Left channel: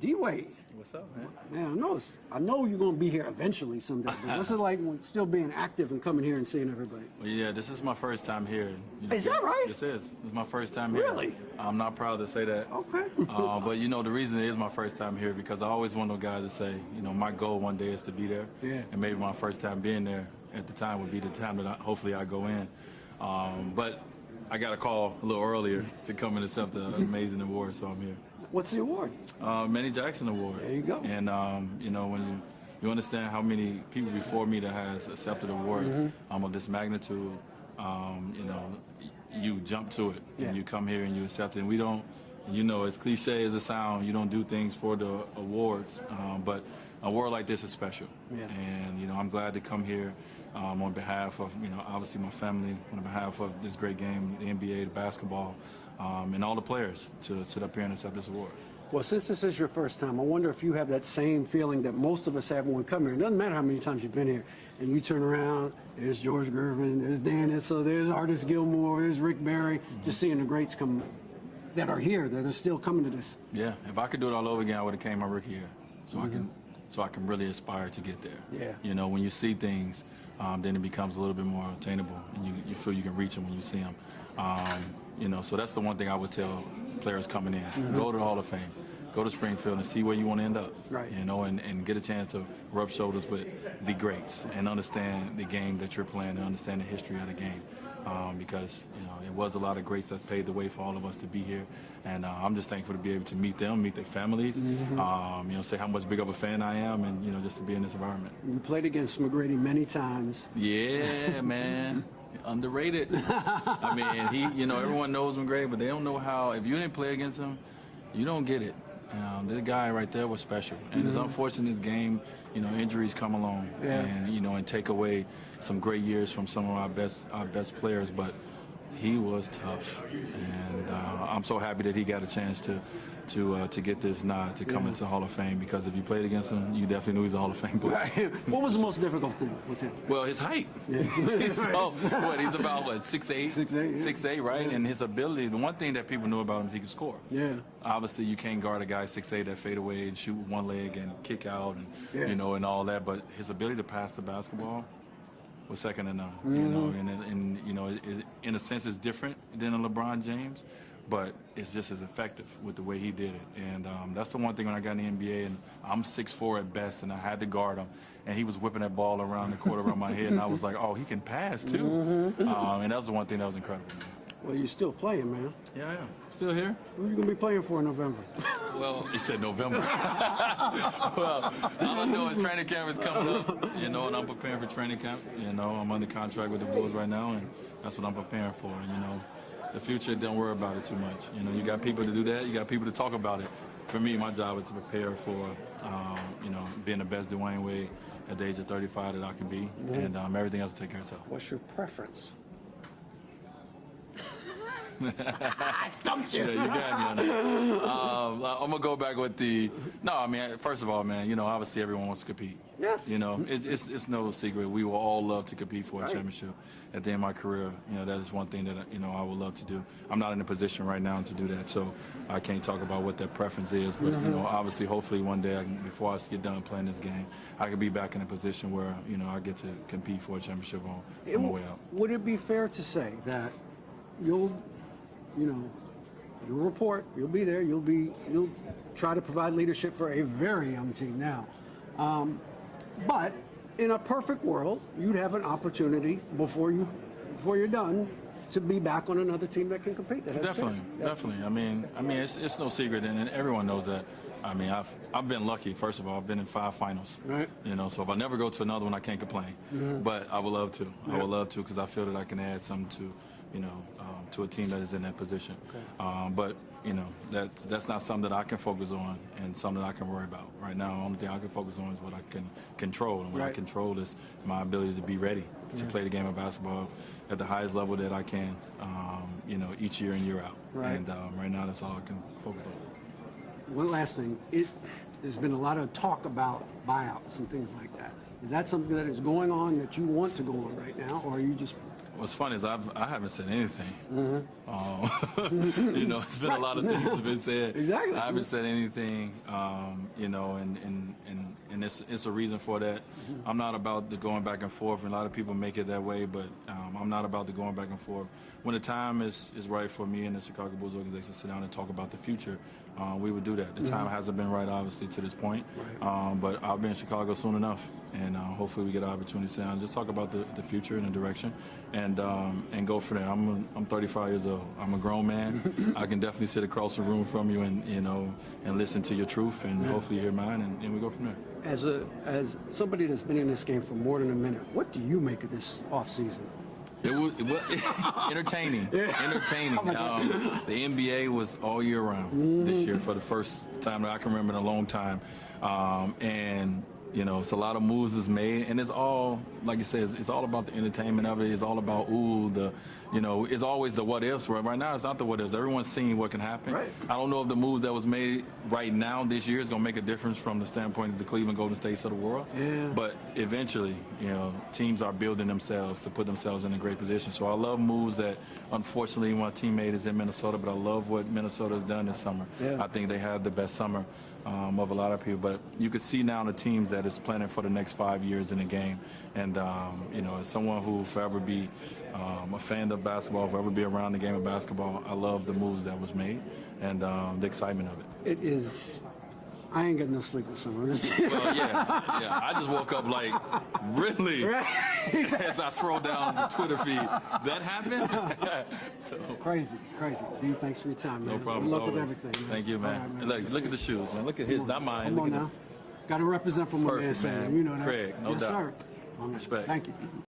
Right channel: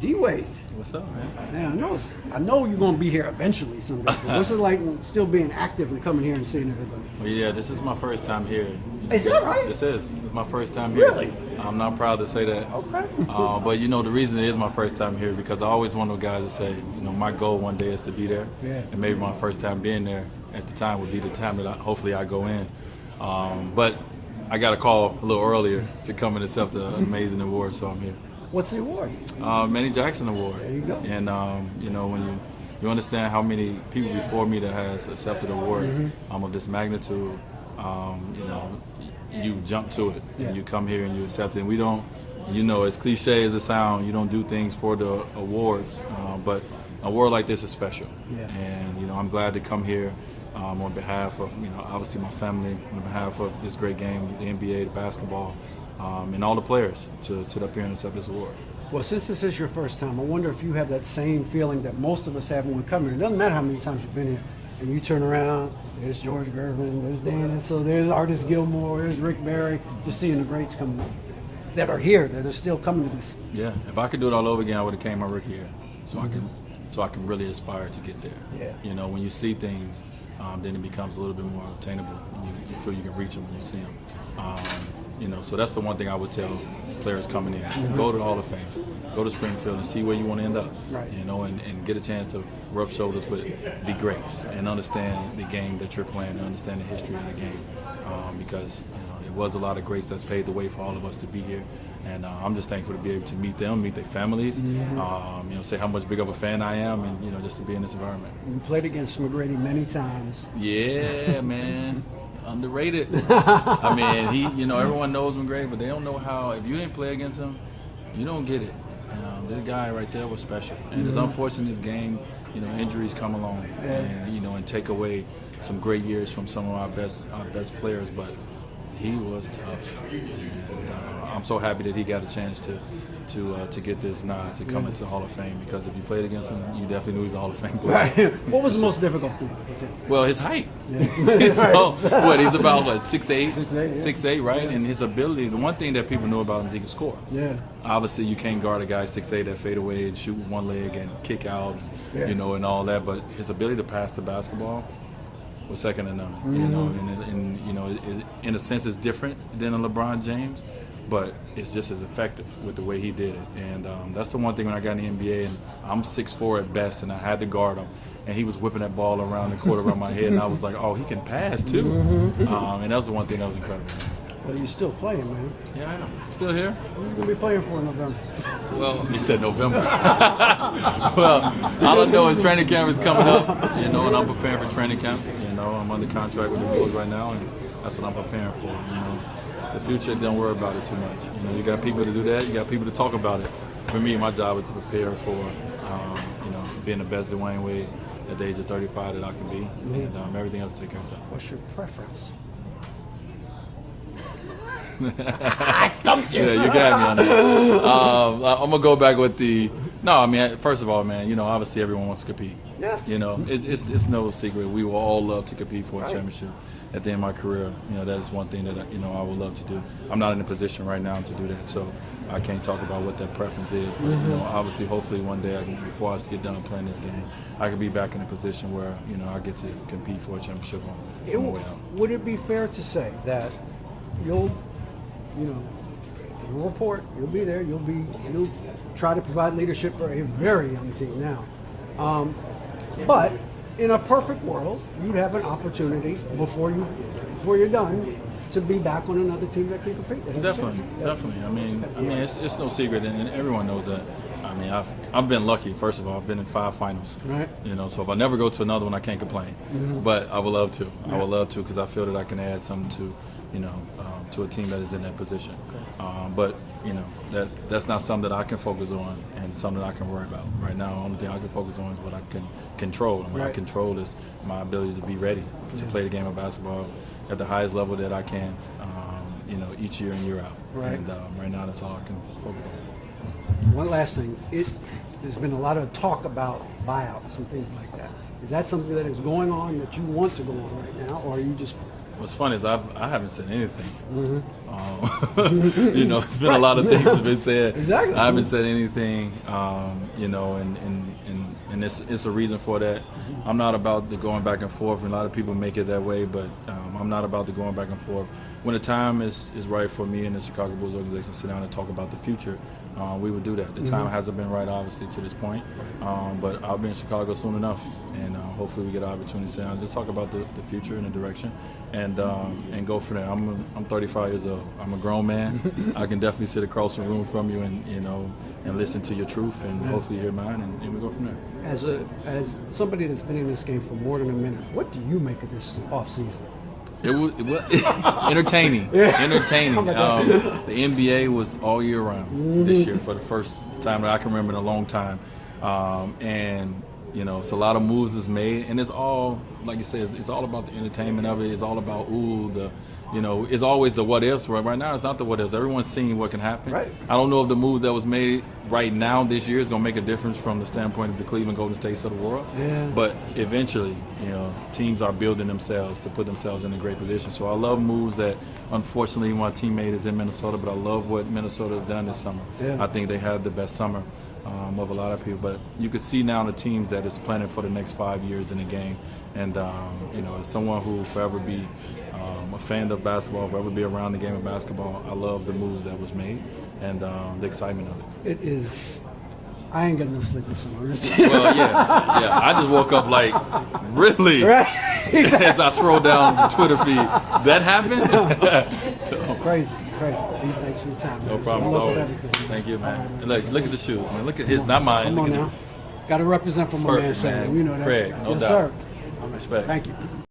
Dwayne. What's up, man? Yeah, I know you're gonna be here eventually someday. What's it like still being active and coming here and seeing everybody? Well, yeah, this is my first time here. Is that right? This is my first time here. Really? I'm not proud to say that. Okay. But you know, the reason it is my first time here because I always one of the guys that say, you know, my goal one day is to be there. Yeah. And maybe my first time being there at the time would be the time that hopefully I go in. But I got a call a little earlier to come and accept an amazing award, so I'm here. What's the award? Manny Jackson Award. There you go. And you know, when you understand how many people before me that has accepted an award of this magnitude, you know, you jump to it. Yeah. And you come here and you accept it. And we don't, you know, as cliche as it sounds, you don't do things for the awards, but an award like this is special. Yeah. And you know, I'm glad to come here on behalf of, you know, obviously my family, on behalf of this great game, the NBA, the basketball, and all the players to sit up here and accept this award. Well, since this is your first time, I wonder if you have that same feeling that most of us have when we come here. It doesn't matter how many times you've been here, and you turn around, there's George Gervin, there's Dan so there's Artis Gilmore, there's Rick Barry, just seeing the greats come that are here, that are still coming to this. Yeah, if I could do it all over again, I would have came my rookie year, so I can really aspire to get there. Yeah. You know, when you see things, then it becomes a little bit more attainable. You feel you can reach them when you see them. You know, so that's the one thing I would tell players coming in: go to the Hall of Fame, go to Springfield, and see where you want to end up. Right. You know, and get a chance to rub shoulders with the greats and understand the game that you're playing, and understand the history of the game, because you know, it was a lot of greats that paved the way for all of us to be here. And I'm just thankful to be able to meet them, meet their families, you know, say how much big of a fan I am, and you know, just to be in this environment. You played against McGrady many times. Yeah, man. Underrated. I mean, you know, everyone knows McGrady, but they don't know how, if you didn't play against him, you don't get it. That guy right there was special. And it's unfortunate this game, you know, injuries come along and, you know, and take away some great years from some of our best players, but he was tough. And I'm so happy that he got a chance to get this nod to come into the Hall of Fame, because if you played against him, you definitely knew he's a Hall of Fame player. Right. What was the most difficult thing with him? Well, his height. Yeah. So, what, he's about, 6'8"? 6'8", yeah. 6'8", right? And his ability, the one thing that people know about him is he can score. Yeah. Obviously, you can't guard a guy 6'8" that fade away and shoot with one leg and kick out, and, you know, and all that. But his ability to pass the basketball was second to none. You know, and you know, in a sense, it's different than a LeBron James, but it's just as effective with the way he did it. And that's the one thing when I got in the NBA, and I'm 6'4" at best, and I had to guard him, and he was whipping that ball around the court around my head, and I was like, oh, he can pass too. And that was the one thing that was incredible. Well, you're still playing, man. Yeah, I know. Still here? What are you going to be playing for in November? Well, you said November. Well, all I know is training camp is coming up, you know, and I'm preparing for training camp. You know, I'm under contract with the Bulls right now, and that's what I'm preparing for, you know. The future, don't worry about it too much. You know, you got people to do that. You got people to talk about it. For me, my job is to prepare for, you know, being the best Dwayne Wade at the age of 35 that I can be, and everything else will take care of itself. What's your preference? I stumped you. Yeah, you got me on that. I'm gonna go back with the. No, I mean, first of all, man, you know, obviously everyone wants to compete. Yes. You know, it's no secret. We will all love to compete for a championship. At the end of my career, you know, that is one thing that, you know, I would love to do. I'm not in a position right now to do that, so I can't talk about what that preference is. But, you know, obviously, hopefully one day, before I get done playing this game, I could be back in a position where, you know, I get to compete for a championship on the way out. Would it be fair to say that you'll, you know, you'll report, you'll be there, you'll try to provide leadership for a very young team now, but in a perfect world, you'd have an opportunity before you're done to be back on another team that can compete. Definitely. I mean, it's no secret, and everyone knows that. I mean, I've been lucky. First of all, I've been in 5 finals. Right. You know, so if I never go to another one, I can't complain. But I would love to. Yeah. I would love to, because I feel that I can add something to, you know, to a team that is in that position. But you know, that's not something that I can focus on and something that I can worry about right now. The only thing I can focus on is what I can control. And what I control is my ability to be ready to play the game of basketball at the highest level that I can, you know, each year in, year out. Right. And right now, that's all I can focus on. One last thing, there's been a lot of talk about buyouts and things like that. Is that something that is going on that you want to go on right now, or are you just What's funny is I haven't said anything. Mm-hmm. You know, it's been a lot of things that have been said. Exactly. I haven't said anything. You know, and it's a reason for that. I'm not about the going back and forth, and a lot of people make it that way, but I'm not about the going back and forth. When the time is right for me and the Chicago Bulls organization to sit down and talk about the future, we would do that. The time hasn't been right, obviously, to this point, but I'll be in Chicago soon enough, and hopefully we get an opportunity to sit down and just talk about the future and the direction, and go from there. I'm 35 years old. I'm a grown man. I can definitely sit across the room from you and listen to your truth, and hopefully hear mine, and we go from there. As somebody that's been in this game for more than a minute, what do you make of this offseason? It was entertaining. Entertaining. The NBA was all year round this year for the first time that I can remember in a long time, and you know, it's a lot of moves that's made, and it's all, like you said, it's all about the entertainment of it. It's all about it's always the what ifs. Right now, it's not the what ifs. Everyone's seeing what can happen. Right. I don't know if the moves that was made right now this year is going to make a difference from the standpoint of the Cleveland Golden States of the world. Yeah. But eventually, teams are building themselves to put themselves in a great position. So I love moves that, unfortunately, my teammate is in Minnesota, but I love what Minnesota has done this summer. Yeah. I think they had the best summer of a lot of people. But you could see now the teams that is planning for the next 5 years in the game. And, as someone who will forever be a fan of basketball, forever be around the game of basketball, I love the moves that was made and the excitement of it. It is. I ain't got no sleepless nights. Well, yeah. I just woke up like, really? Right. As I scroll down the Twitter feed, that happened? So, Crazy. D, thanks for your time, man. no problem. Good luck with Always. everything. Thank you, man. All right, And look at the shoes, man. Look at his, not mine. Come Look on at now. Got to represent for my man, Perfect, Sam. man. You know that. Craig, no yes, doubt. sir. All right. Respect. Thank you.